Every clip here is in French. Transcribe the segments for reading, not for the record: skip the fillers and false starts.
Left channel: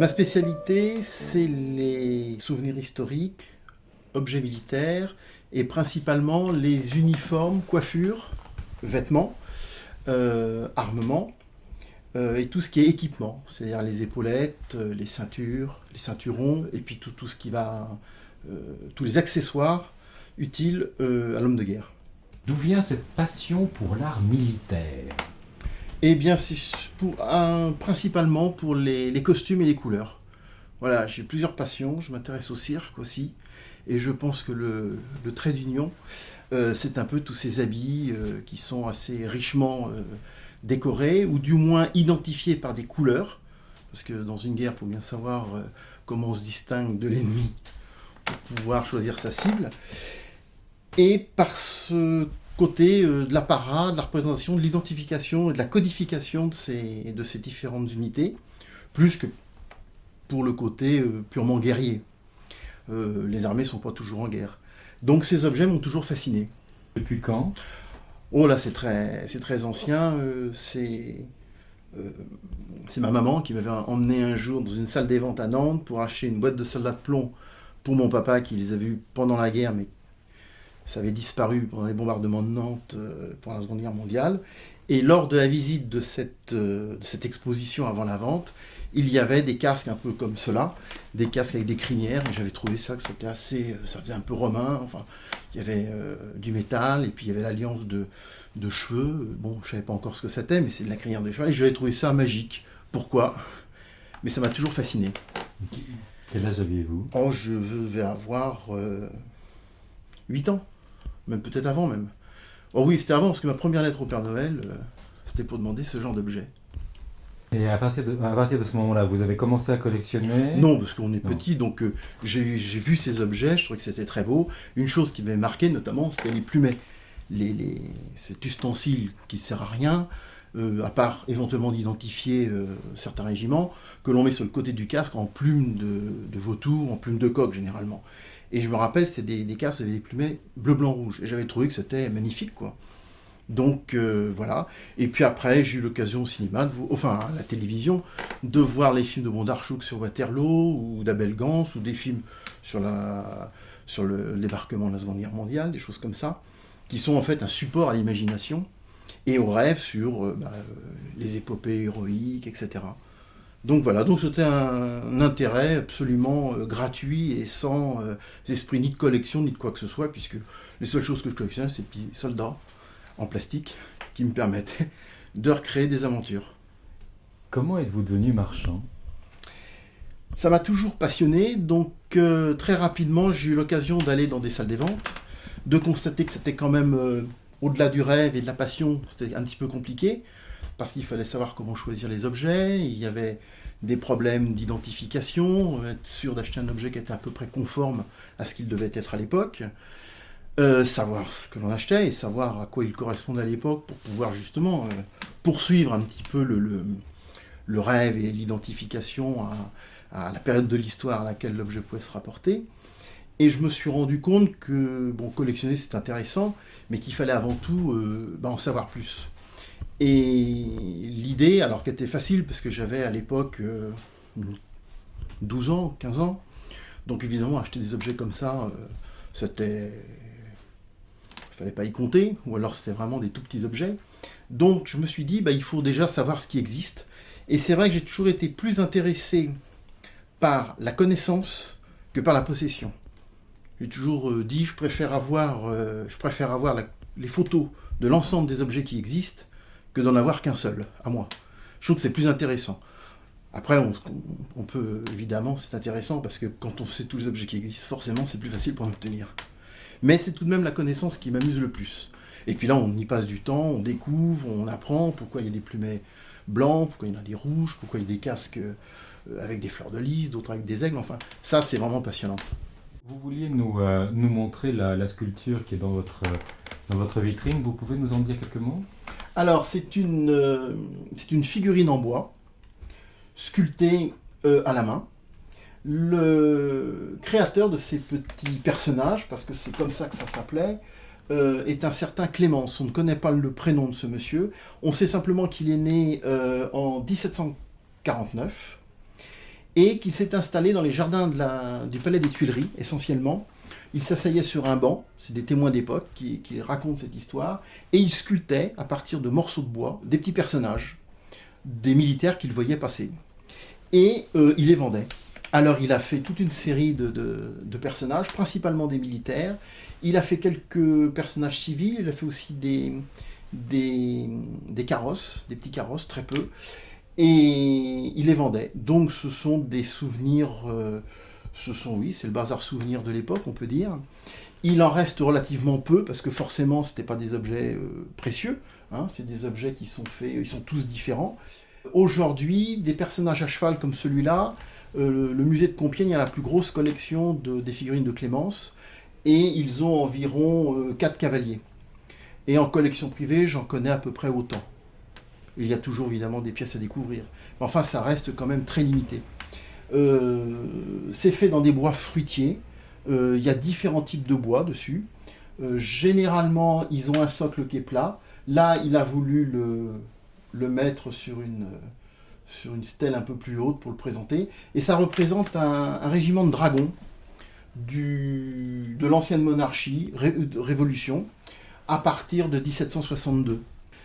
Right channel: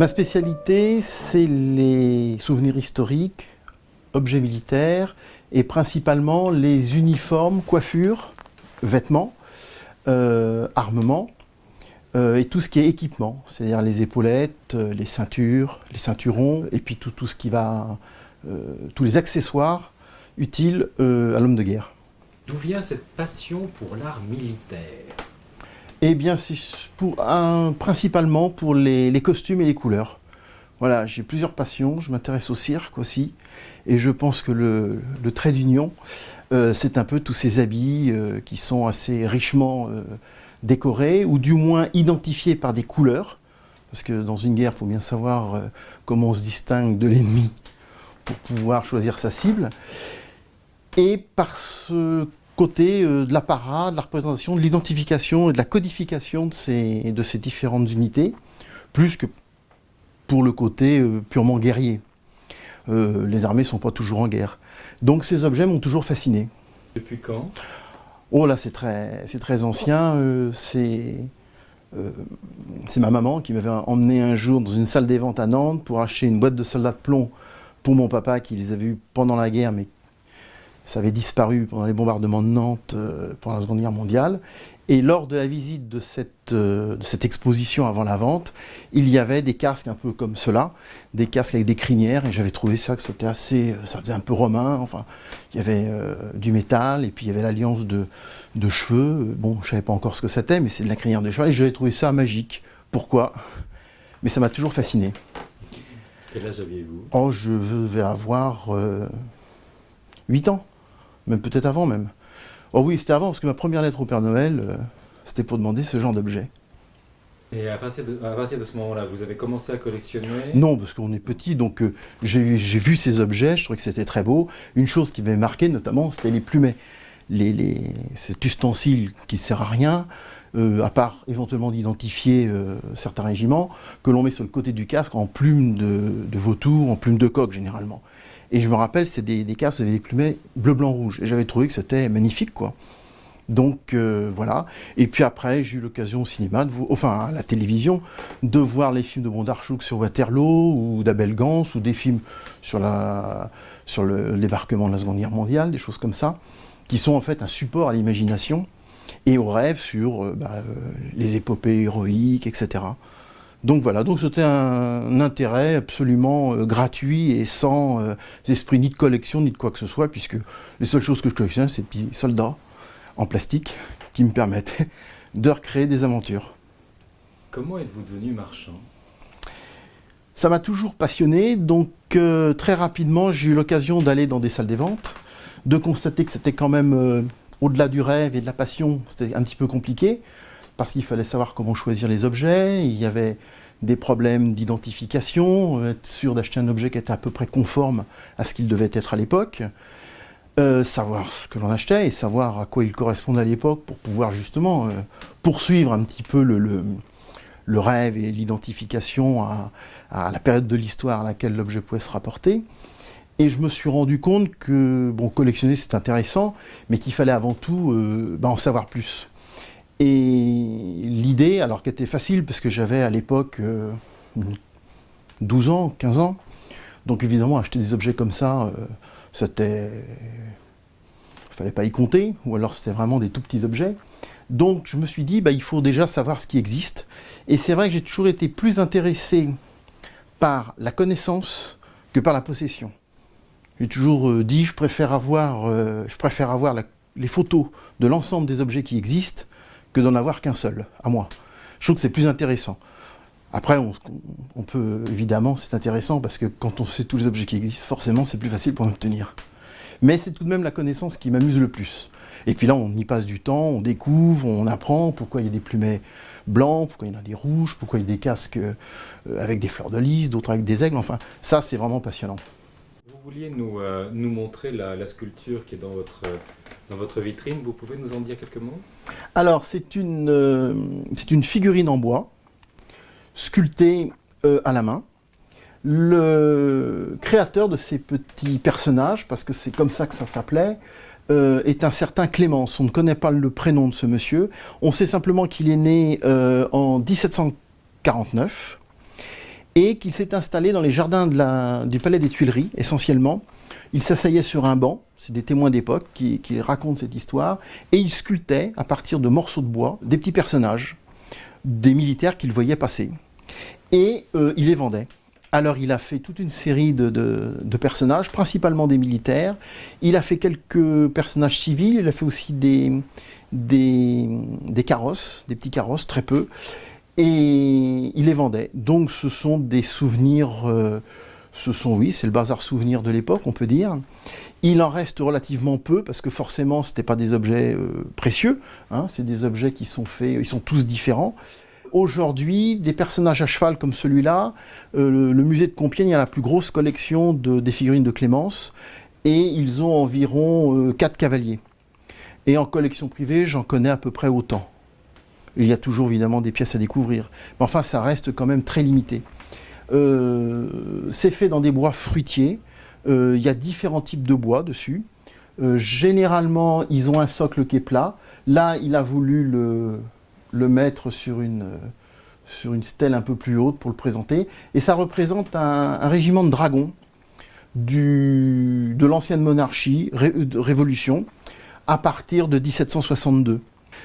Ma spécialité, c'est les souvenirs historiques, objets militaires et principalement les uniformes, coiffures, vêtements, armements et tout ce qui est équipement, c'est-à-dire les épaulettes, les ceintures, les ceinturons et puis tout ce qui va, tous les accessoires utiles à l'homme de guerre. D'où vient cette passion pour l'art militaire? Eh bien, c'est principalement pour les costumes et les couleurs. Voilà, j'ai plusieurs passions, je m'intéresse au cirque aussi, et je pense que le trait d'union, c'est un peu tous ces habits qui sont assez richement décorés, ou du moins identifiés par des couleurs, parce que dans une guerre, il faut bien savoir comment on se distingue de l'ennemi pour pouvoir choisir sa cible, et par ce côté de l'apparat, de la représentation, de l'identification et de la codification de ces différentes unités, plus que pour le côté purement guerrier. Les armées ne sont pas toujours en guerre. Donc ces objets m'ont toujours fasciné. Depuis quand? Oh là, c'est très ancien. C'est ma maman qui m'avait emmené un jour dans une salle des ventes à Nantes pour acheter une boîte de soldats de plomb pour mon papa qui les avait vus pendant la guerre, mais ça avait disparu pendant les bombardements de Nantes pendant la Seconde Guerre mondiale. Et lors de la visite de cette exposition avant la vente, il y avait des casques un peu comme cela, des casques avec des crinières, et j'avais trouvé ça que c'était assez, ça faisait un peu romain, enfin, il y avait du métal, et puis il y avait l'alliance de cheveux, bon, je ne savais pas encore ce que c'était, mais c'est de la crinière de cheval, et j'avais trouvé ça magique. Pourquoi? Mais ça m'a toujours fasciné. Quel âge aviez-vous? Oh, je vais avoir 8 ans, même peut-être avant même. Oh oui, c'était avant, parce que ma première lettre au Père Noël, c'était pour demander ce genre d'objet. Et à partir de ce moment-là, vous avez commencé à collectionner? Non, parce qu'on est petit, donc j'ai vu ces objets, je trouvais que c'était très beau. Une chose qui m'avait marqué, notamment, c'était les plumets. Cet ustensile qui ne sert à rien, à part éventuellement d'identifier certains régiments, que l'on met sur le côté du casque en plume de vautour, en plume de coq généralement. Et je me rappelle, c'est des casques avec des plumets bleu, blanc, rouge. Et j'avais trouvé que c'était magnifique, quoi. Donc voilà. Et puis après, j'ai eu l'occasion au cinéma, enfin à la télévision, de voir les films de Bondarchuk sur Waterloo, ou d'Abel Gance, ou des films sur le débarquement de la Seconde Guerre mondiale, des choses comme ça, qui sont en fait un support à l'imagination et au rêve sur les épopées héroïques, etc. Donc voilà, donc c'était un intérêt absolument gratuit et sans esprit ni de collection ni de quoi que ce soit, puisque les seules choses que je collectionnais, c'est des petits soldats en plastique qui me permettaient de recréer des aventures. Comment êtes-vous devenu marchand? Ça m'a toujours passionné, donc très rapidement j'ai eu l'occasion d'aller dans des salles des ventes, de constater que c'était quand même au-delà du rêve et de la passion, c'était un petit peu compliqué, parce qu'il fallait savoir comment choisir les objets, il y avait des problèmes d'identification, être sûr d'acheter un objet qui était à peu près conforme à ce qu'il devait être à l'époque, savoir ce que l'on achetait et savoir à quoi il correspondait à l'époque pour pouvoir justement poursuivre un petit peu le rêve et l'identification à la période de l'histoire à laquelle l'objet pouvait se rapporter. Et je me suis rendu compte que bon, collectionner c'est intéressant, mais qu'il fallait avant tout en savoir plus. Et l'idée, alors qu'elle était facile, parce que j'avais à l'époque 12 ans, 15 ans, donc évidemment acheter des objets comme ça, c'était... il fallait pas y compter, ou alors c'était vraiment des tout petits objets. Donc je me suis dit, il faut déjà savoir ce qui existe. Et c'est vrai que j'ai toujours été plus intéressé par la connaissance que par la possession. J'ai toujours dit, je préfère avoir les photos de l'ensemble des objets qui existent que d'en avoir qu'un seul, à moi. Je trouve que c'est plus intéressant. Après, on peut, évidemment, c'est intéressant, parce que quand on sait tous les objets qui existent, forcément, c'est plus facile pour en obtenir. Mais c'est tout de même la connaissance qui m'amuse le plus. Et puis là, on y passe du temps, on découvre, on apprend pourquoi il y a des plumets blancs, pourquoi il y en a des rouges, pourquoi il y a des casques avec des fleurs de lys, d'autres avec des aigles, enfin, ça, c'est vraiment passionnant. Vous vouliez nous montrer la sculpture qui est dans votre vitrine. Vous pouvez nous en dire quelques mots? Alors, c'est une figurine en bois, sculptée à la main. Le créateur de ces petits personnages, parce que c'est comme ça que ça s'appelait, est un certain Clémence. On ne connaît pas le prénom de ce monsieur. On sait simplement qu'il est né en 1749 et qu'il s'est installé dans les jardins du Palais des Tuileries, essentiellement. Il s'asseyait sur un banc, c'est des témoins d'époque qui racontent cette histoire, et il sculptait, à partir de morceaux de bois, des petits personnages, des militaires qu'il voyait passer. Et il les vendait. Alors il a fait toute une série de personnages, principalement des militaires. Il a fait quelques personnages civils, il a fait aussi des carrosses, des petits carrosses, très peu. Et il les vendait. Donc ce sont des souvenirs, oui, c'est le bazar souvenir de l'époque, on peut dire. Il en reste relativement peu, parce que forcément, ce n'étaient pas des objets précieux, hein, c'est des objets qui sont faits, ils sont tous différents. Aujourd'hui, des personnages à cheval comme celui-là, le musée de Compiègne a la plus grosse collection des figurines de Clémence, et ils ont environ 4 cavaliers. Et en collection privée, j'en connais à peu près autant. Il y a toujours évidemment des pièces à découvrir, mais enfin ça reste quand même très limité. C'est fait dans des bois fruitiers, il y a différents types de bois dessus. Généralement, ils ont un socle qui est plat. Là, il a voulu le mettre sur une stèle un peu plus haute pour le présenter. Et ça représente un régiment de dragons de l'ancienne monarchie, de Révolution, à partir de 1762.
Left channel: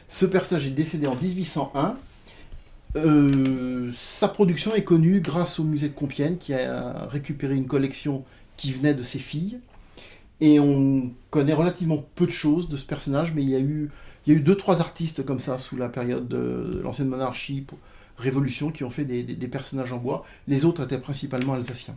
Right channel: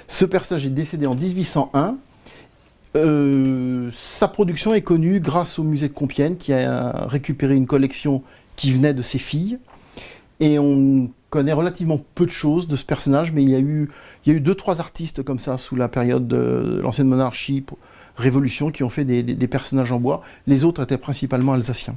Ce personnage est décédé en 1801. Sa production est connue grâce au musée de Compiègne, qui a récupéré une collection qui venait de ses filles. Et on connaît relativement peu de choses de ce personnage, mais il y a eu 2-3 artistes comme ça sous la période de l'ancienne monarchie, Révolution, qui ont fait des personnages en bois. Les autres étaient principalement alsaciens.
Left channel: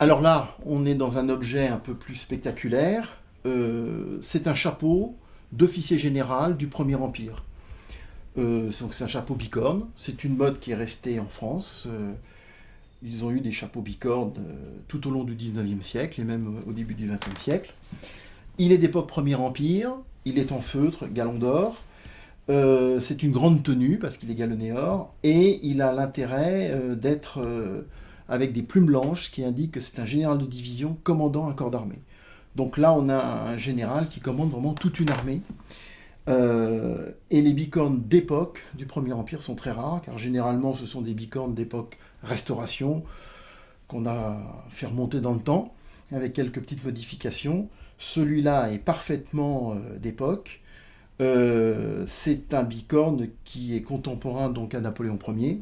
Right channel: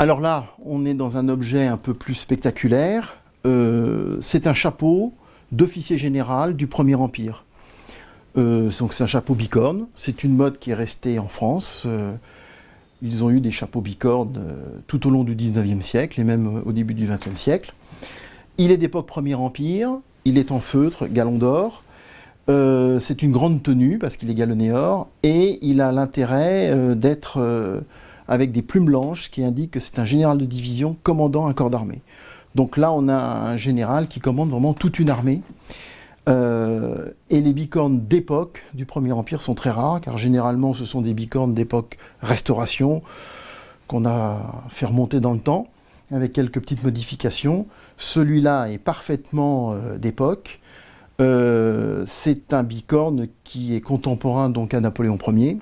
Alors là, on est dans un objet un peu plus spectaculaire. C'est un chapeau d'officier général du Premier Empire. Donc c'est un chapeau bicorne. C'est une mode qui est restée en France. Ils ont eu des chapeaux bicornes tout au long du 19e siècle et même au début du 20e siècle. Il est d'époque Premier Empire. Il est en feutre, galon d'or. C'est une grande tenue parce qu'il est galonné or. Et il a l'intérêt d'être avec des plumes blanches, ce qui indique que c'est un général de division commandant un corps d'armée. Donc là, on a un général qui commande vraiment toute une armée. Et les bicornes d'époque du Premier Empire sont très rares, car généralement, ce sont des bicornes d'époque Restauration, qu'on a fait remonter dans le temps, avec quelques petites modifications. Celui-là est parfaitement d'époque. C'est un bicorne qui est contemporain donc à Napoléon Ier.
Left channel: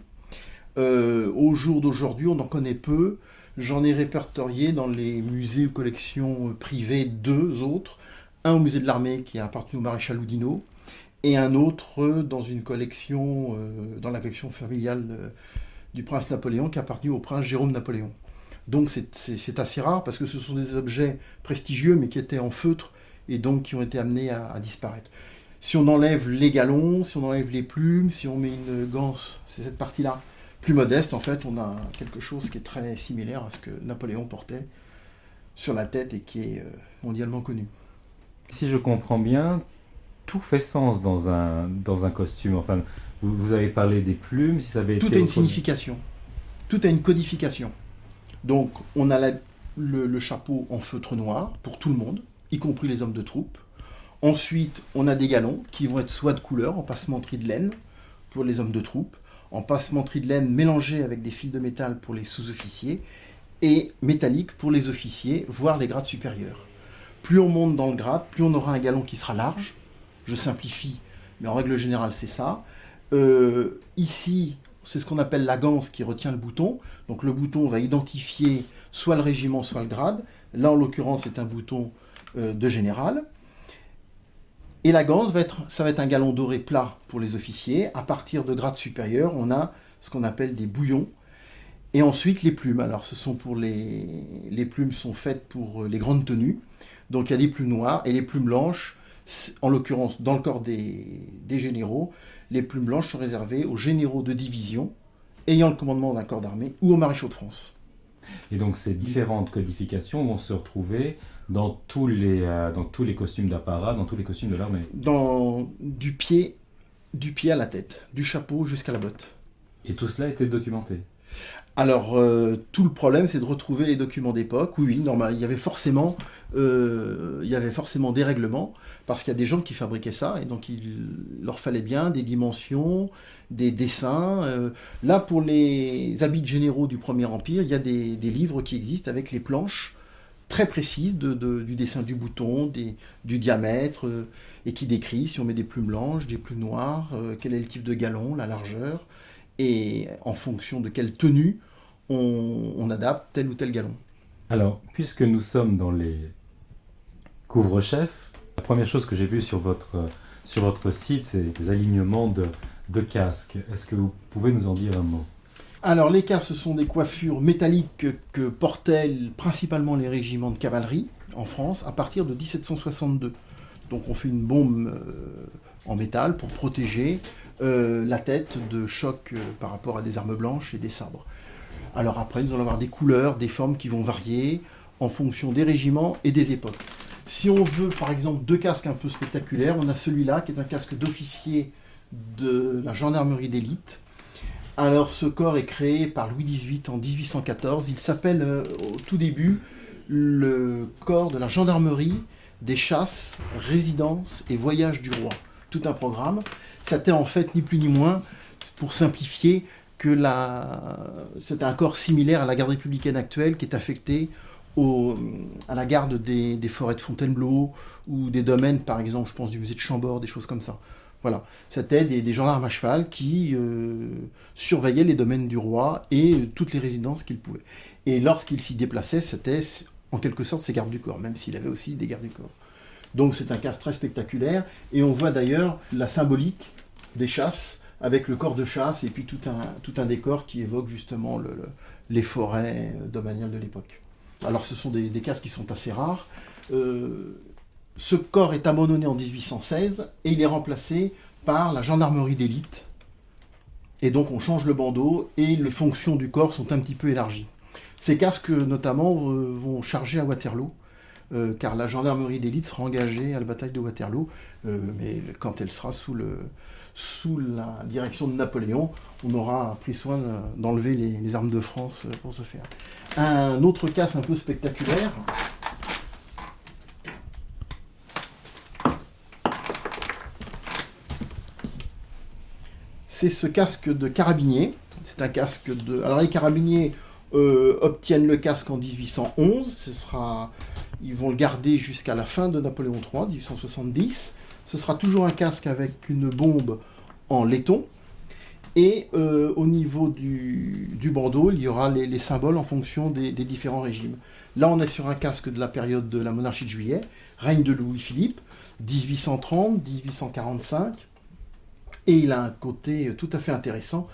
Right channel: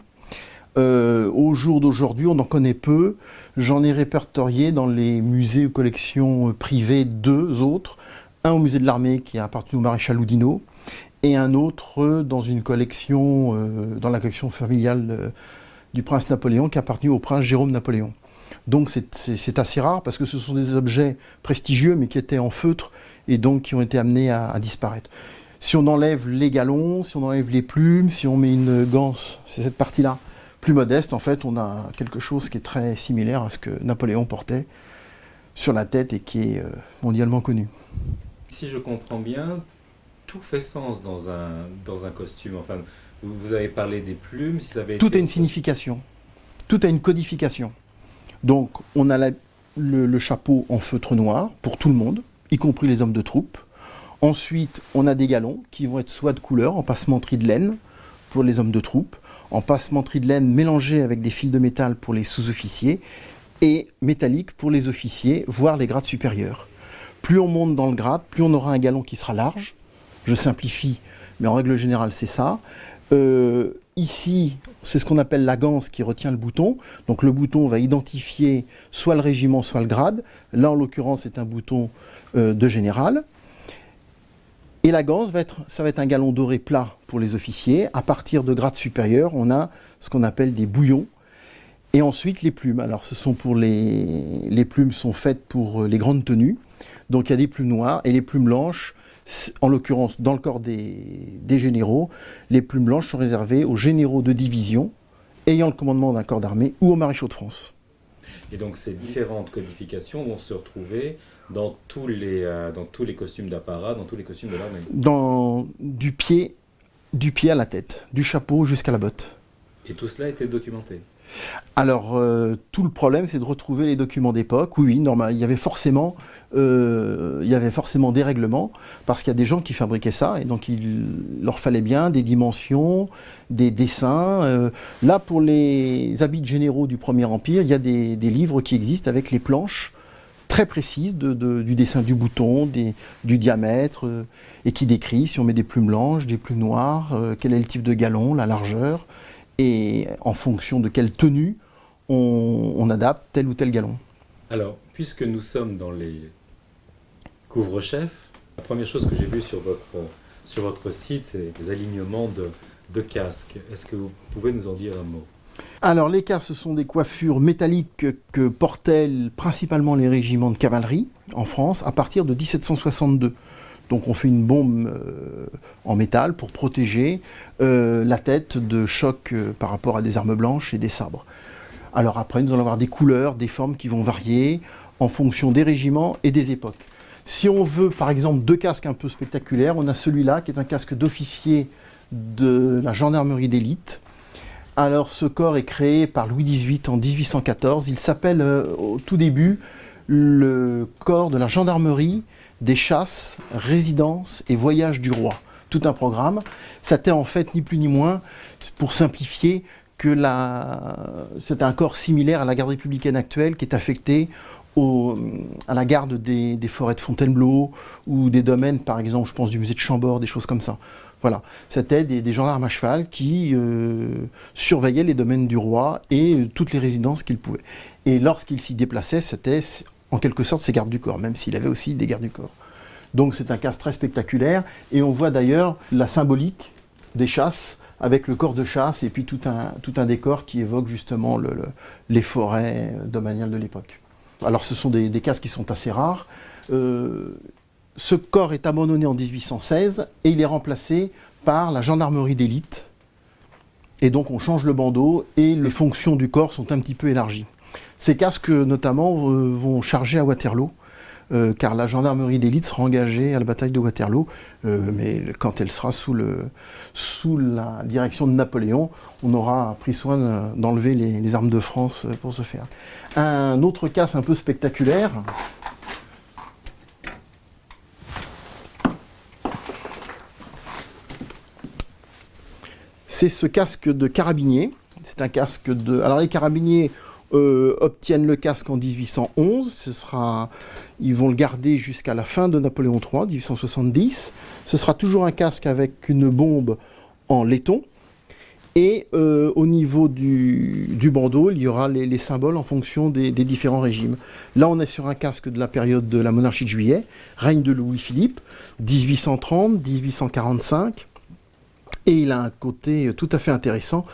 Au jour d'aujourd'hui, on en connaît peu. J'en ai répertorié dans les musées ou collections privées 2 autres. Un au musée de l'armée qui a appartenu au maréchal Oudinot et un autre dans une collection, dans la collection familiale du prince Napoléon qui a appartenu au prince Jérôme Napoléon. Donc c'est assez rare parce que ce sont des objets prestigieux mais qui étaient en feutre et donc qui ont été amenés à disparaître. Si on enlève les galons, si on enlève les plumes, si on met une ganse, c'est cette partie-là plus modeste, en fait, on a quelque chose qui est très similaire à ce que Napoléon portait sur la tête et qui est mondialement connu. Si je comprends bien, tout fait sens dans un costume. Enfin, vous avez parlé des plumes, si ça avait Tout été a une signification, tout a une codification. Donc, on a le chapeau en feutre noir pour tout le monde, y compris les hommes de troupe. Ensuite, on a des galons qui vont être soit de couleur, en passementerie de laine pour les hommes de troupe, en passementerie de laine mélangée avec des fils de métal pour les sous-officiers et métallique pour les officiers, voire les grades supérieurs. Plus on monte dans le grade, plus on aura un galon qui sera large. Je simplifie, mais en règle générale, c'est ça. Ici, c'est ce qu'on appelle la ganse qui retient le bouton. Donc le bouton va identifier soit le régiment, soit le grade. Là, en l'occurrence, c'est un bouton de général. Et la ganse, ça va être un galon doré plat pour les officiers. À partir de grades supérieurs, on a ce qu'on appelle des bouillons. Et ensuite, les plumes. Alors, les plumes sont faites pour les grandes tenues. Donc, il y a des plumes noires et les plumes blanches, en l'occurrence, dans le corps des généraux, les plumes blanches sont réservées aux généraux de division ayant le commandement d'un corps d'armée ou aux maréchaux de France. Et donc, ces différentes codifications vont se retrouver dans tous les costumes d'apparat, dans tous les costumes de l'armée. Du pied à la tête, du chapeau jusqu'à la botte. Et tout cela a été documenté. Alors, tout le problème, c'est de retrouver les documents d'époque. Oui, normal, il y avait forcément des règlements, parce qu'il y a des gens qui fabriquaient ça, et donc il leur fallait bien des dimensions, des dessins. Là, pour les habits généraux du Premier Empire, il y a des livres qui existent avec les planches très précises du dessin du bouton, du diamètre, et qui décrit si on met des plumes blanches, des plumes noires, quel est le type de galon, la largeur, et en fonction de quelle tenue on adapte tel ou tel galon. Alors, puisque nous sommes dans les couvre-chefs, la première chose que j'ai vue sur votre site, c'est des alignements de casques. Est-ce que vous pouvez nous en dire un mot? Alors les casques, ce sont des coiffures métalliques que portaient principalement les régiments de cavalerie en France à partir de 1762. Donc on fait une bombe en métal pour protéger la tête de chocs par rapport à des armes blanches et des sabres. Alors après, nous allons avoir des couleurs, des formes qui vont varier en fonction des régiments et des époques. Si on veut, par exemple, 2 casques un peu spectaculaires, on a celui-là qui est un casque d'officier de la gendarmerie d'élite. Alors ce corps est créé par Louis XVIII en 1814. Il s'appelle au tout début le corps de la gendarmerie des chasses, résidences et voyages du roi. Tout un programme. C'était en fait ni plus ni moins, pour simplifier, que c'est un corps similaire à la garde républicaine actuelle qui est affecté à la garde des forêts de Fontainebleau ou des domaines, par exemple, je pense du musée de Chambord, des choses comme ça. Voilà, c'était des gendarmes à cheval qui surveillaient les domaines du roi et toutes les résidences qu'il pouvait. Et lorsqu'il s'y déplaçait, c'était en quelque sorte ses gardes du corps, même s'il avait aussi des gardes du corps. Donc c'est un casque très spectaculaire, et on voit d'ailleurs la symbolique des chasses, avec le corps de chasse et puis tout un décor qui évoque justement les forêts domaniales de l'époque. Alors ce sont des casques qui sont assez rares. Ce corps est abandonné en 1816 et il est remplacé par la gendarmerie d'élite. Et donc on change le bandeau et les fonctions du corps sont un petit peu élargies. Ces casques notamment vont charger à Waterloo, car la gendarmerie d'élite sera engagée à la bataille de Waterloo, mais quand elle sera sous la direction de Napoléon, on aura pris soin d'enlever les armes de France pour ce faire. Un autre casque un peu spectaculaire, c'est ce casque de carabinier. C'est un casque de... Alors les carabiniers obtiennent le casque en 1811. Ils vont le garder jusqu'à la fin de Napoléon III, 1870. Ce sera toujours un casque avec une bombe en laiton. Et au niveau du bandeau, il y aura les symboles en fonction des différents régimes. Là, on est sur un casque de la période de la monarchie de Juillet, règne de Louis-Philippe, 1830-1845. Et il a un côté tout à fait intéressant,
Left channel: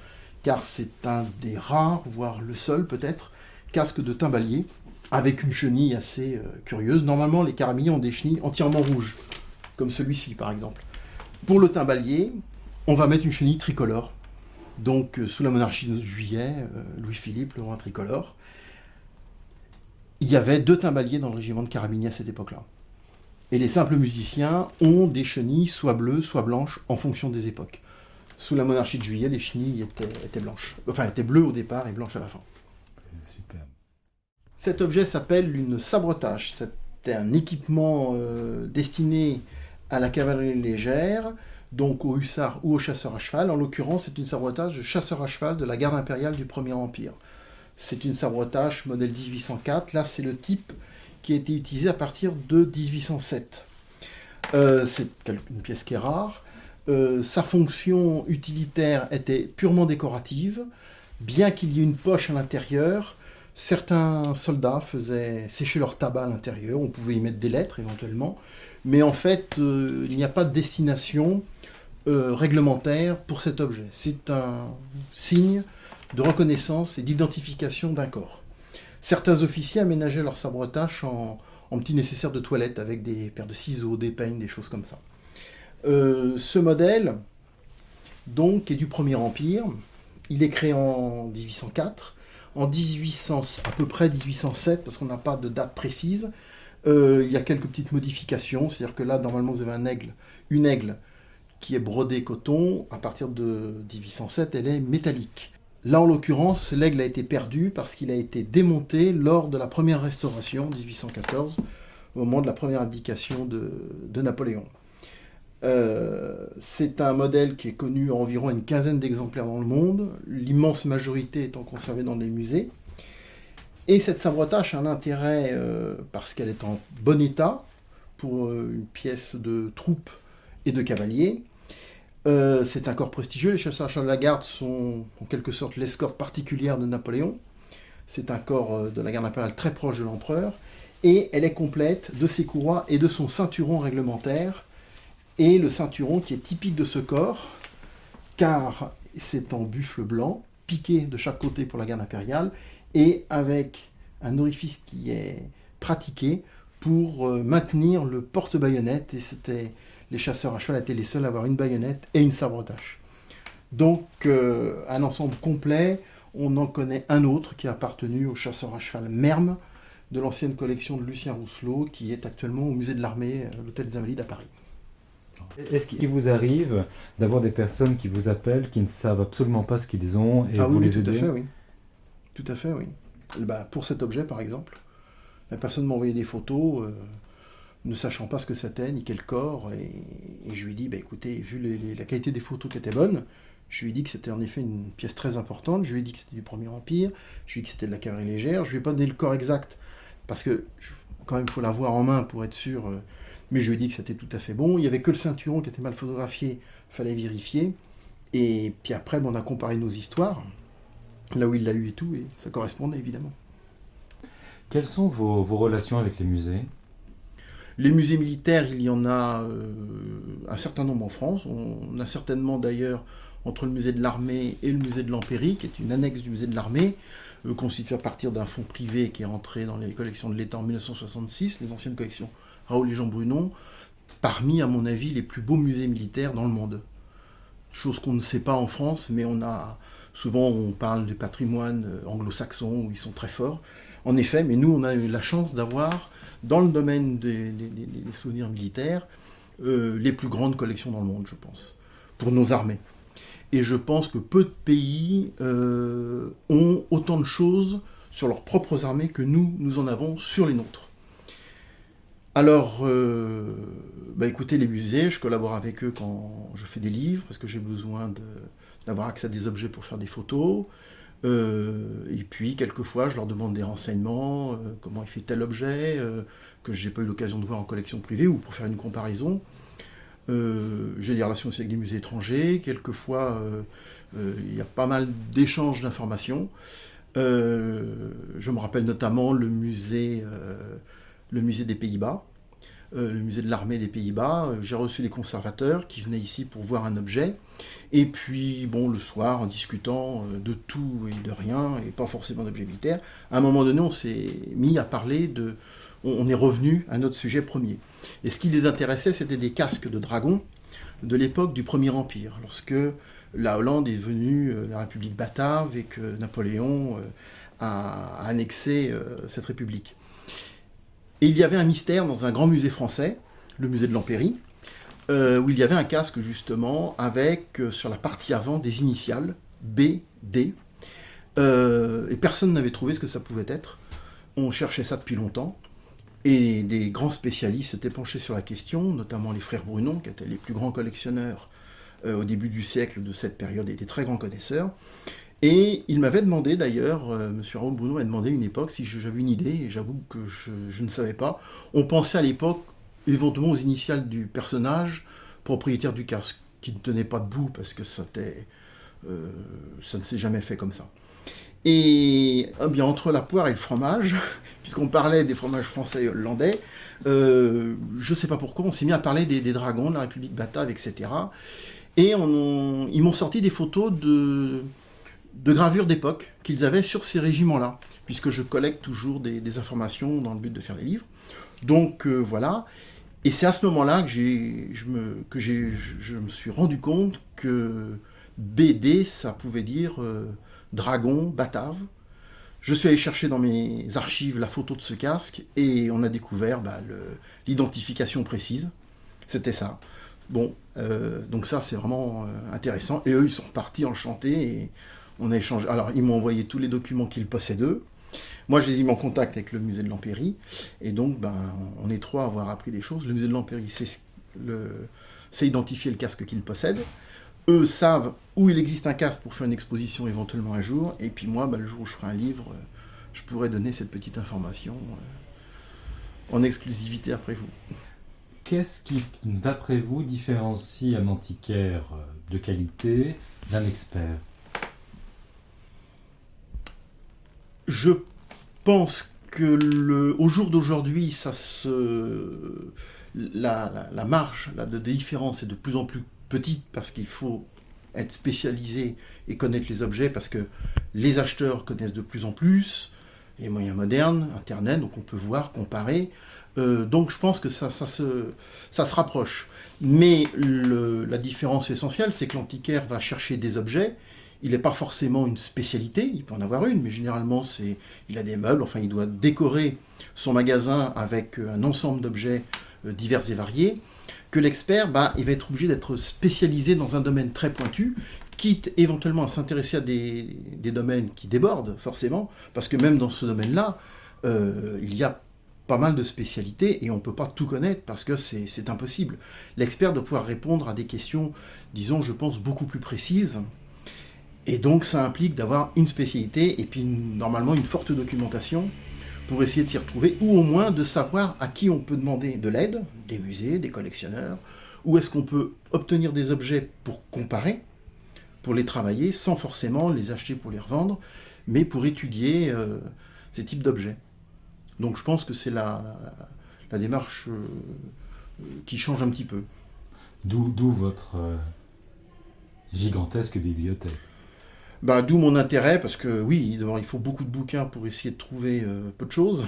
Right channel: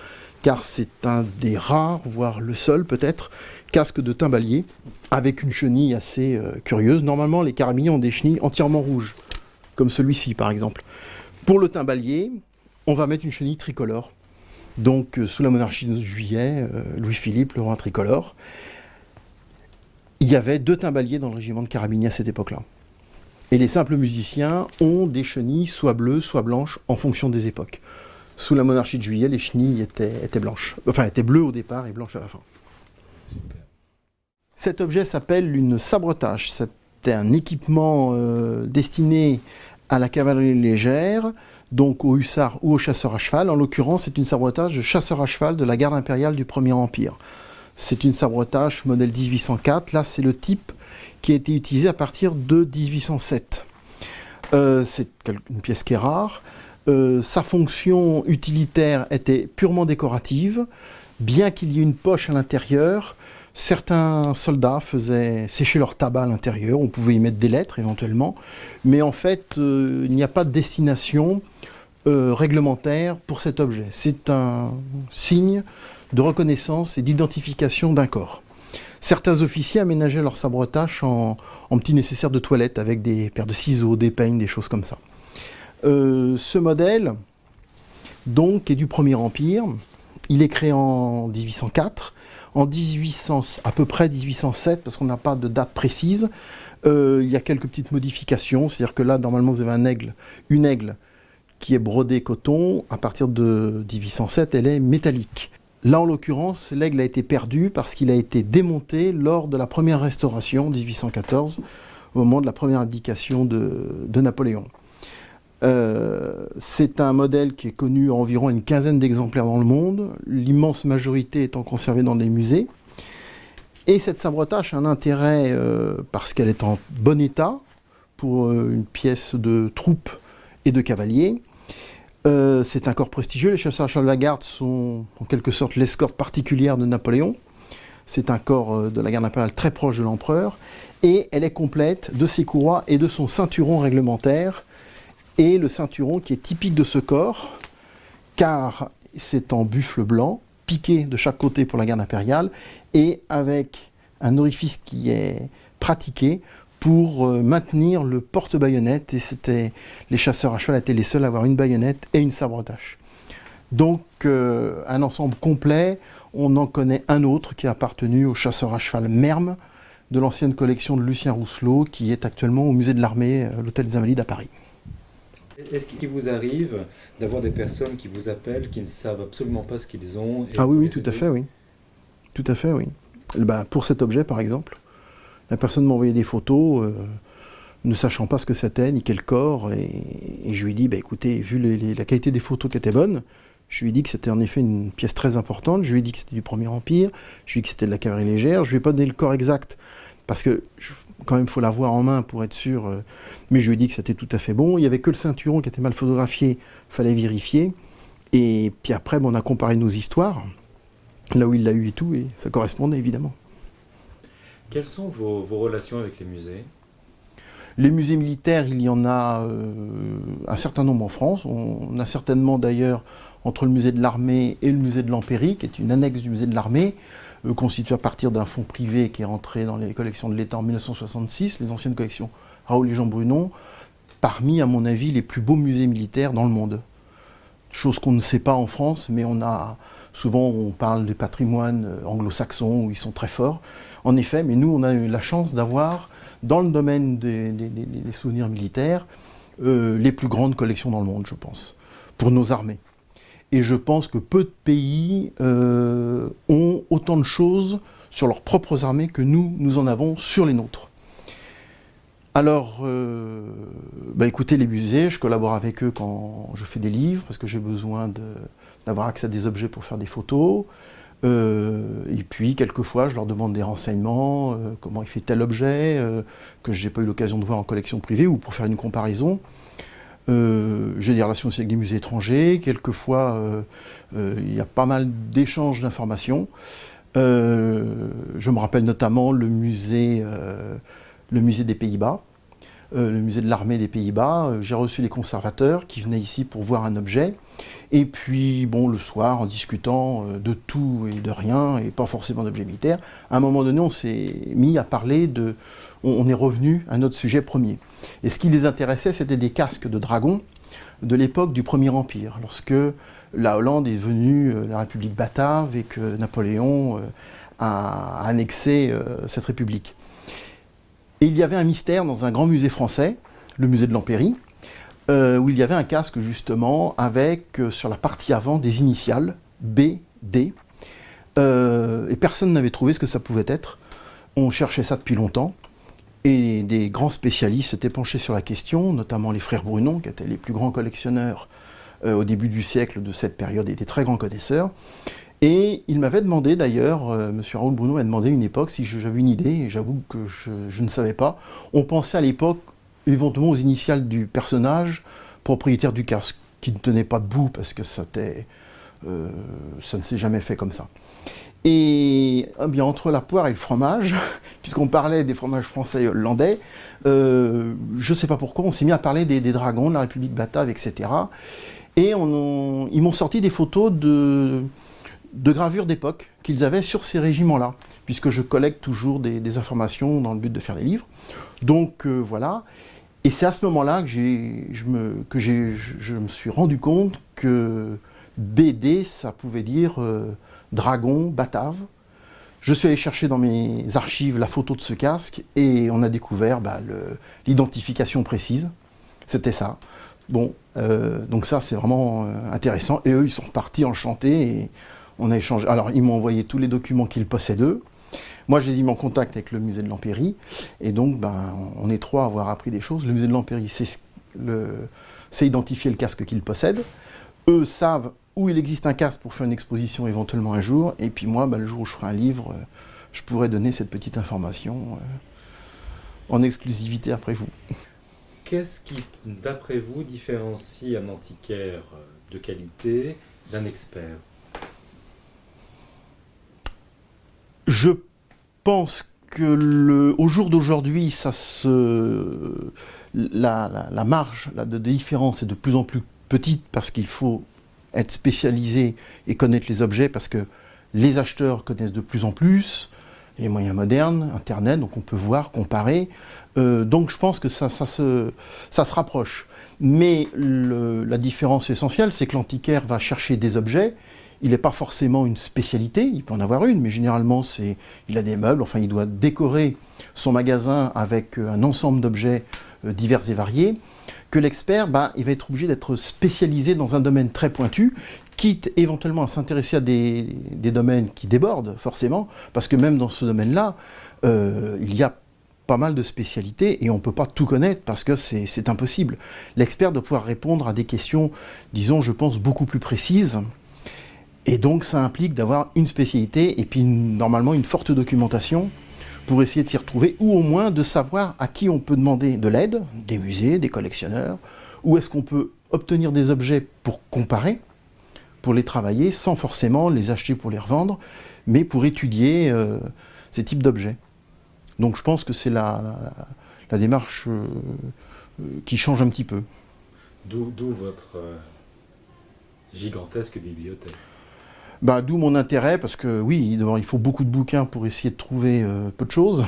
car c'est un des rares, voire le seul peut-être, casque de timbalier, avec une chenille assez curieuse. Normalement, les carabiniers ont des chenilles entièrement rouges, comme celui-ci par exemple. Pour le timbalier, on va mettre une chenille tricolore. Donc, sous la monarchie de Juillet, Louis-Philippe, le roi tricolore, il y avait 2 timbaliers dans le régiment de carabiniers à cette époque-là. Et les simples musiciens ont des chenilles soit bleues, soit blanches, en fonction des époques. Sous la monarchie de Juillet, les chenilles étaient blanches. Enfin, étaient bleues au départ et blanches à la fin. Super. Cet objet s'appelle une sabretage. C'était un équipement destiné à la cavalerie légère, donc aux hussards ou aux chasseurs à cheval. En l'occurrence, c'est une sabretage de chasseurs à cheval de la garde impériale du Premier Empire. C'est une sabretage modèle 1804. Là, c'est le type qui a été utilisé à partir de 1807. C'est une pièce qui est rare. Sa fonction utilitaire était purement décorative. Bien qu'il y ait une poche à l'intérieur, certains soldats faisaient sécher leur tabac à l'intérieur. On pouvait y mettre des lettres éventuellement. Mais en fait, il n'y a pas de destination réglementaire pour cet objet. C'est un signe de reconnaissance et d'identification d'un corps. Certains officiers aménageaient leur sabretage en petits nécessaires de toilette avec des paires de ciseaux, des peignes, des choses comme ça. Ce modèle, donc, est du Premier Empire. Il est créé en 1804. En 1800, à peu près 1807, parce qu'on n'a pas de date précise, il y a quelques petites modifications. C'est-à-dire que là, normalement, vous avez une aigle qui est brodée coton. À partir de 1807, elle est métallique. Là, en l'occurrence, l'aigle a été perdu parce qu'il a été démonté lors de la première restauration, 1814, au moment de la première abdication de Napoléon. C'est un modèle qui est connu à environ une quinzaine d'exemplaires dans le monde, l'immense majorité étant conservée dans des musées. Et cette sabre-tâche a un intérêt parce qu'elle est en bon état pour une pièce de troupe et de cavalier. C'est un corps prestigieux, les chasseurs à cheval de la garde sont en quelque sorte l'escorte particulière de Napoléon. C'est un corps de la garde impériale très proche de l'empereur, et elle est complète de ses courroies et de son ceinturon réglementaire, et le ceinturon qui est typique de ce corps, car c'est en buffle blanc, piqué de chaque côté pour la garde impériale, et avec un orifice qui est pratiqué pour maintenir le porte-baïonnette, et les chasseurs à cheval étaient les seuls à avoir une baïonnette et une sabre-tâche. Donc un ensemble complet. On en connaît un autre qui a appartenu au chasseur à cheval Merme, de l'ancienne collection de Lucien Rousselot, qui est actuellement au musée de l'armée, l'hôtel des Invalides à Paris. Est-ce qu'il vous arrive d'avoir des personnes qui vous appellent, qui ne savent absolument pas ce qu'ils ont et Ah vous oui, les tout à aidez? fait, oui. Tout à fait, oui. Pour cet objet, par exemple, la personne m'a envoyé des photos, ne sachant pas ce que c'était, ni quel corps, et je lui ai dit, écoutez, vu la qualité des photos qui étaient bonnes, je lui ai dit que c'était en effet une pièce très importante, je lui ai dit que c'était du Premier Empire, je lui ai dit que c'était de la cavalerie légère, je lui ai pas donné le corps exact, parce que quand même il faut l'avoir en main pour être sûr, mais je lui ai dit que c'était tout à fait bon. Il y avait que le ceinturon qui était mal photographié, fallait vérifier, et puis après on a comparé nos histoires, là où il l'a eu et tout, et ça correspondait évidemment. Quelles sont vos relations avec les musées? Les musées militaires, il y en a un certain nombre en France. On a certainement d'ailleurs, entre le musée de l'armée et le musée de l'Empéry, qui est une annexe du musée de l'armée, constituée à partir d'un fonds privé qui est rentré dans les collections de l'État en 1966, les anciennes collections Raoul et Jean Brunon, parmi, à mon avis, les plus beaux musées militaires dans le monde. Chose qu'on ne sait pas en France, mais souvent on parle des patrimoines anglo-saxons où ils sont très forts. En effet, mais nous on a eu la chance d'avoir, dans le domaine des souvenirs militaires, les plus grandes collections dans le monde, je pense, pour nos armées. Et je pense que peu de pays ont autant de choses sur leurs propres armées que nous en avons sur les nôtres. Alors, écoutez, les musées, je collabore avec eux quand je fais des livres, parce que j'ai besoin d'avoir accès à des objets pour faire des photos. Et puis, quelquefois, je leur demande des renseignements, comment il fait tel objet, que je n'ai pas eu l'occasion de voir en collection privée, ou pour faire une comparaison. J'ai des relations aussi avec des musées étrangers. Quelquefois, il y a pas mal d'échanges d'informations. Je me rappelle notamment le musée des Pays-Bas, le musée de l'armée des Pays-Bas. J'ai reçu les conservateurs qui venaient ici pour voir un objet. Et puis, le soir, en discutant de tout et de rien, et pas forcément d'objets militaires, à un moment donné, on s'est mis à parler on est revenu à notre sujet premier. Et ce qui les intéressait, c'était des casques de dragons de l'époque du Premier Empire, lorsque la Hollande est devenue la République batave et que Napoléon a annexé cette République. Et il y avait un mystère dans un grand musée français, le musée de l'Empéry, où il y avait un casque justement avec sur la partie avant des initiales B, D, et personne n'avait trouvé ce que ça pouvait être. On cherchait ça depuis longtemps, et des grands spécialistes s'étaient penchés sur la question, notamment les frères Brunon, qui étaient les plus grands collectionneurs au début du siècle de cette période, et des très grands connaisseurs. Et il m'avait demandé d'ailleurs, M. Raoul Brunon m'a demandé une époque si j'avais une idée, et j'avoue que je ne savais pas. On pensait à l'époque éventuellement aux initiales du personnage propriétaire du casque, qui ne tenait pas debout parce que ça ne s'est jamais fait comme ça. Et bien entre la poire et le fromage, puisqu'on parlait des fromages français et hollandais, je ne sais pas pourquoi, on s'est mis à parler des dragons, de la République batave, etc. Et ils m'ont sorti des photos de gravures d'époque qu'ils avaient sur ces régiments-là, puisque je collecte toujours des informations dans le but de faire des livres. Donc voilà. Et c'est à ce moment-là que je me suis rendu compte que BD, ça pouvait dire dragon, batave. Je suis allé chercher dans mes archives la photo de ce casque et on a découvert l'identification précise. C'était ça. Donc ça, c'est vraiment intéressant. Et eux, ils sont repartis enchantés. Et On a échangé. Alors, ils m'ont envoyé tous les documents qu'ils possèdent eux. Moi, je les ai mis en contact avec le musée de l'Empéry. Et donc, on est trois à avoir appris des choses. Le musée de l'Empéry sait identifier le casque qu'ils possèdent. Eux savent où il existe un casque pour faire une exposition éventuellement un jour. Et puis moi, le jour où je ferai un livre, je pourrai donner cette petite information en exclusivité après vous. Qu'est-ce qui, d'après vous, différencie un antiquaire de qualité d'un expert? Je pense que au jour d'aujourd'hui, la marge de différence est de plus en plus petite parce qu'il faut être spécialisé et connaître les objets parce que les acheteurs connaissent de plus en plus les moyens modernes, Internet, donc on peut voir, comparer. Donc je pense que ça se rapproche. Mais la différence essentielle, c'est que l'antiquaire va chercher des objets. Il n'est pas forcément une spécialité, il peut en avoir une, mais généralement il a des meubles, enfin il doit décorer son magasin avec un ensemble d'objets divers et variés, que l'expert, il va être obligé d'être spécialisé dans un domaine très pointu, quitte éventuellement à s'intéresser à des domaines qui débordent forcément, parce que même dans ce domaine-là, il y a pas mal de spécialités et on ne peut pas tout connaître parce que c'est impossible. L'expert doit pouvoir répondre à des questions, disons, je pense, beaucoup plus précises. Et donc ça implique d'avoir une spécialité et puis normalement une forte documentation pour essayer de s'y retrouver, ou au moins de savoir à qui on peut demander de l'aide, des musées, des collectionneurs, où est-ce qu'on peut obtenir des objets pour comparer, pour les travailler, sans forcément les acheter pour les revendre, mais pour étudier ces types d'objets. Donc je pense que c'est la démarche qui change un petit peu. D'où votre gigantesque bibliothèque. D'où mon intérêt, parce que oui, d'abord il faut beaucoup de bouquins pour essayer de trouver peu de choses.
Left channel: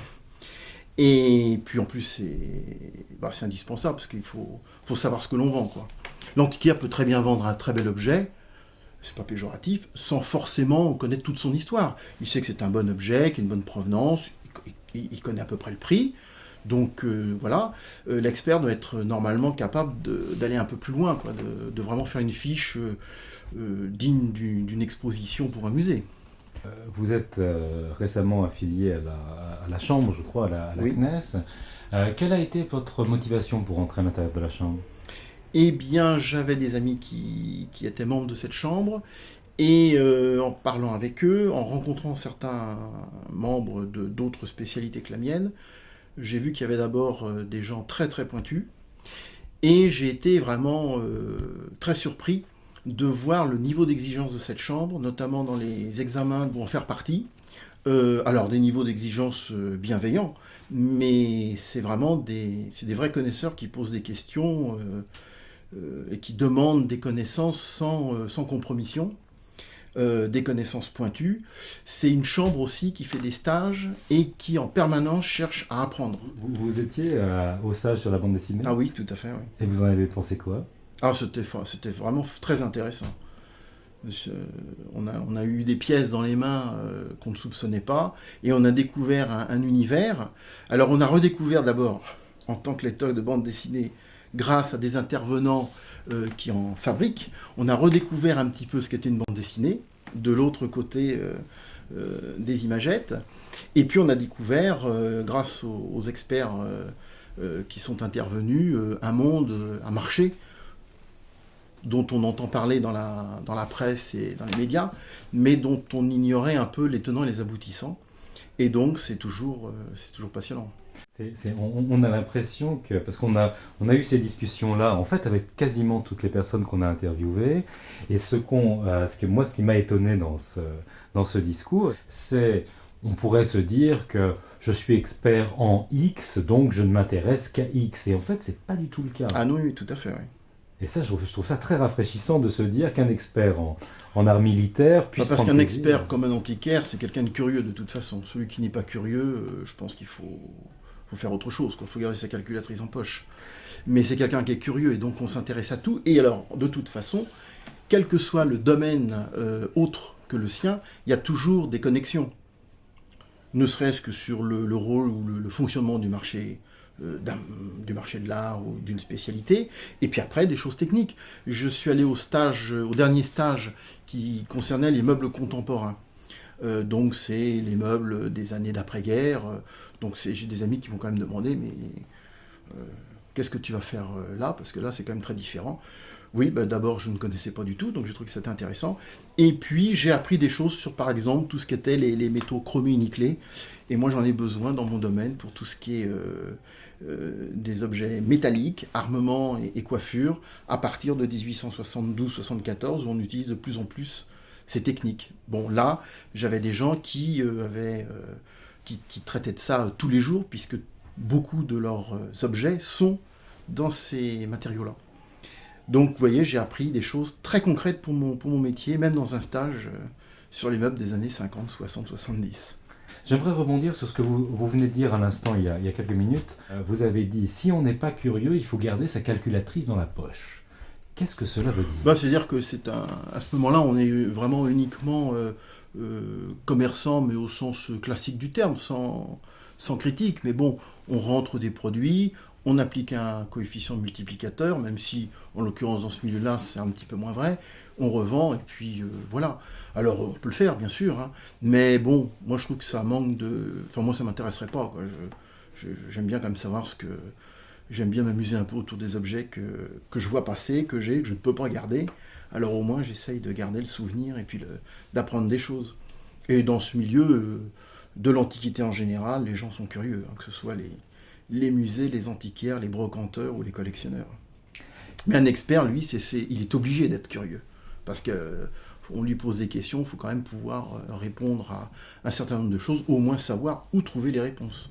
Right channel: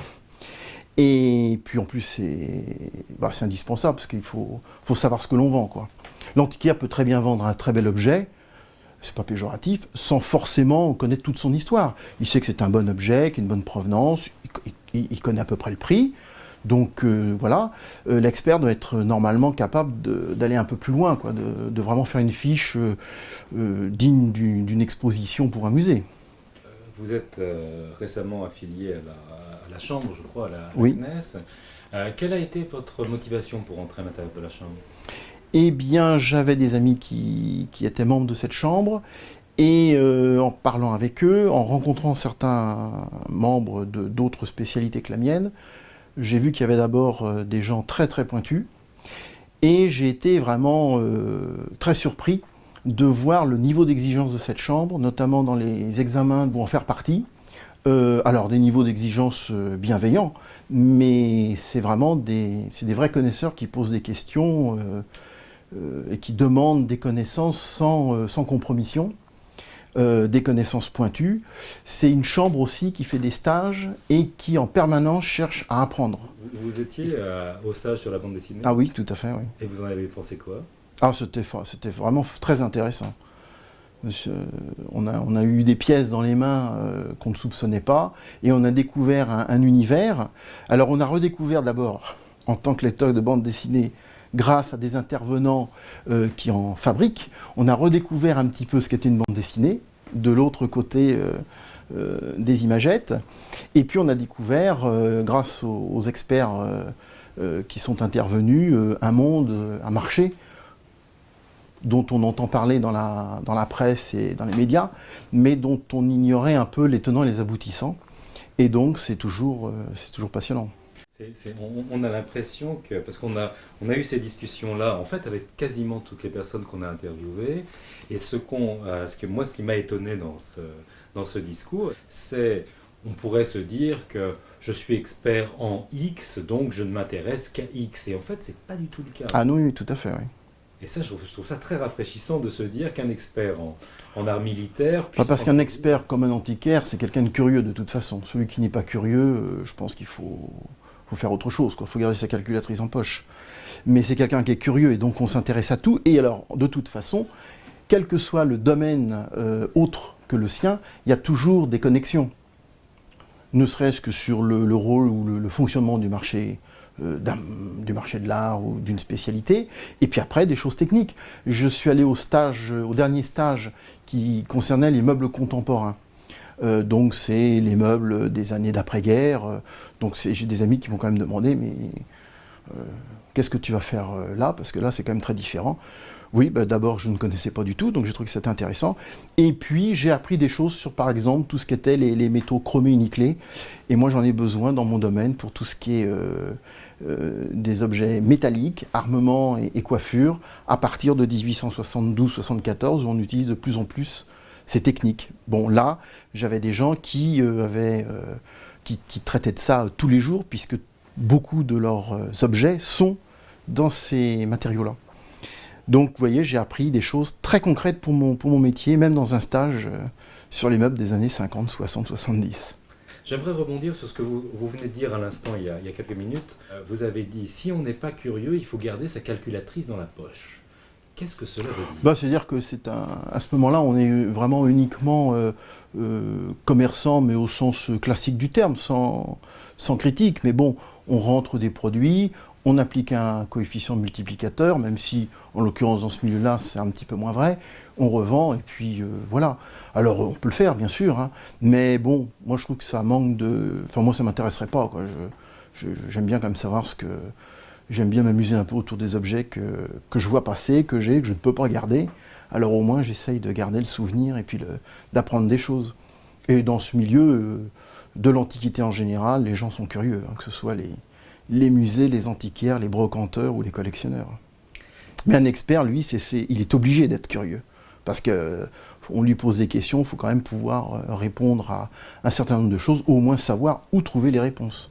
Et puis en plus c'est indispensable, parce qu'il faut savoir ce que l'on vend, quoi. L'antiquaire peut très bien vendre un très bel objet, c'est pas péjoratif, sans forcément connaître toute son histoire. Il sait que c'est un bon objet, qu'il a une bonne provenance, il connaît à peu près le prix. Donc voilà, l'expert doit être normalement capable d'aller un peu plus loin, quoi, de vraiment faire une fiche digne d'une exposition pour un musée. Vous êtes récemment affilié à la Chambre, je crois, à la Oui. CNES. Quelle a été votre motivation pour entrer à l'intérieur de la Chambre? Eh bien, j'avais des amis qui étaient membres de cette chambre, et en parlant avec eux, en rencontrant certains membres d'autres spécialités que la mienne, j'ai vu qu'il y avait d'abord des gens très très pointus, et j'ai été vraiment très surpris de voir le niveau d'exigence de cette chambre, notamment dans les examens pour en faire partie. Alors des niveaux d'exigence bienveillants, mais c'est vraiment des vrais connaisseurs qui posent des questions et qui demandent des connaissances sans compromission. Des connaissances pointues. C'est une chambre aussi qui fait des stages et qui en permanence cherche à apprendre. Vous étiez au stage sur la bande dessinée? Ah oui, tout à fait, oui. Et vous en avez pensé quoi? Ah, c'était vraiment très intéressant. On a eu des pièces dans les mains qu'on ne soupçonnait pas, et on a découvert un univers. Alors on a redécouvert d'abord, en tant que lecteur de bande dessinée, grâce à des intervenants qui en fabriquent, on a redécouvert un petit peu ce qu'était une bande dessinée, de l'autre côté des imagettes. Et puis on a découvert, grâce aux experts qui sont intervenus, un monde, un marché, dont on entend parler dans la presse et dans les médias, mais dont on ignorait un peu les tenants et les aboutissants. Et donc c'est toujours passionnant. On a l'impression que, parce qu'on a eu ces discussions-là, en fait, avec quasiment toutes les personnes qu'on a interviewées, et ce qui m'a étonné dans ce discours, c'est, on pourrait se dire que je suis expert en X, donc je ne m'intéresse qu'à X, et en fait, c'est pas du tout le cas. Ah non, oui, tout à fait, oui. Et ça, je trouve ça très rafraîchissant de se dire qu'un expert en art militaire puisse... Parce qu'un expert comme un antiquaire, c'est quelqu'un de curieux de toute façon. Celui qui n'est pas curieux, je pense qu'il faut faire autre chose, quoi. Faut garder sa calculatrice en poche. Mais c'est quelqu'un qui est curieux, et donc on s'intéresse à tout. Et alors, de toute façon, quel que soit le domaine autre que le sien, il y a toujours des connexions. ne serait-ce que sur le rôle ou le fonctionnement du marché de l'art ou d'une spécialité, et puis après des choses techniques. Je suis allé au dernier stage qui concernait les meubles contemporains. Donc c'est les meubles des années d'après-guerre. Donc j'ai des amis qui m'ont quand même demandé, mais qu'est-ce que tu vas faire là? Parce que là c'est quand même très différent. Oui, bah, d'abord je ne connaissais pas du tout, donc j'ai trouvé que c'était intéressant. Et puis j'ai appris des choses sur par exemple tout ce qui était les métaux chromés nickelés. Et moi j'en ai besoin dans mon domaine pour tout ce qui est des objets métalliques, armements et coiffures, à partir de 1872-74 où on utilise de plus en plus ces techniques. Bon là, j'avais des gens qui traitaient de ça tous les jours, puisque beaucoup de leurs objets sont dans ces matériaux-là. Donc, vous voyez, j'ai appris des choses très concrètes pour mon métier, même dans un stage sur les meubles des années 50, 60, 70. J'aimerais rebondir sur ce que vous venez de dire à l'instant, il y a quelques minutes. Vous avez dit, si on n'est pas curieux, il faut garder sa calculatrice dans la poche. Qu'est-ce que cela veut dire? Bah, c'est-à-dire que à ce moment-là, on est vraiment uniquement commerçant, mais au sens classique du terme, sans critique. Mais bon, on rentre des produits, on applique un coefficient multiplicateur, même si, en l'occurrence, dans ce milieu-là, c'est un petit peu moins vrai. On revend, et puis voilà. Alors, on peut le faire, bien sûr, hein, mais bon, moi, je trouve que ça manque de... Enfin, moi, ça ne m'intéresserait pas, quoi. J'aime bien quand même savoir ce que... J'aime bien m'amuser un peu autour des objets que je vois passer, que je ne peux pas garder. Alors, au moins, j'essaye de garder le souvenir et puis d'apprendre des choses. Et dans ce milieu de l'Antiquité en général, les gens sont curieux, hein, que ce soit les musées, les antiquaires, les brocanteurs ou les collectionneurs. Mais un expert, lui, il est obligé d'être curieux. Parce qu'on lui pose des questions, il faut quand même pouvoir répondre à un certain nombre de choses, ou au moins savoir où trouver les réponses.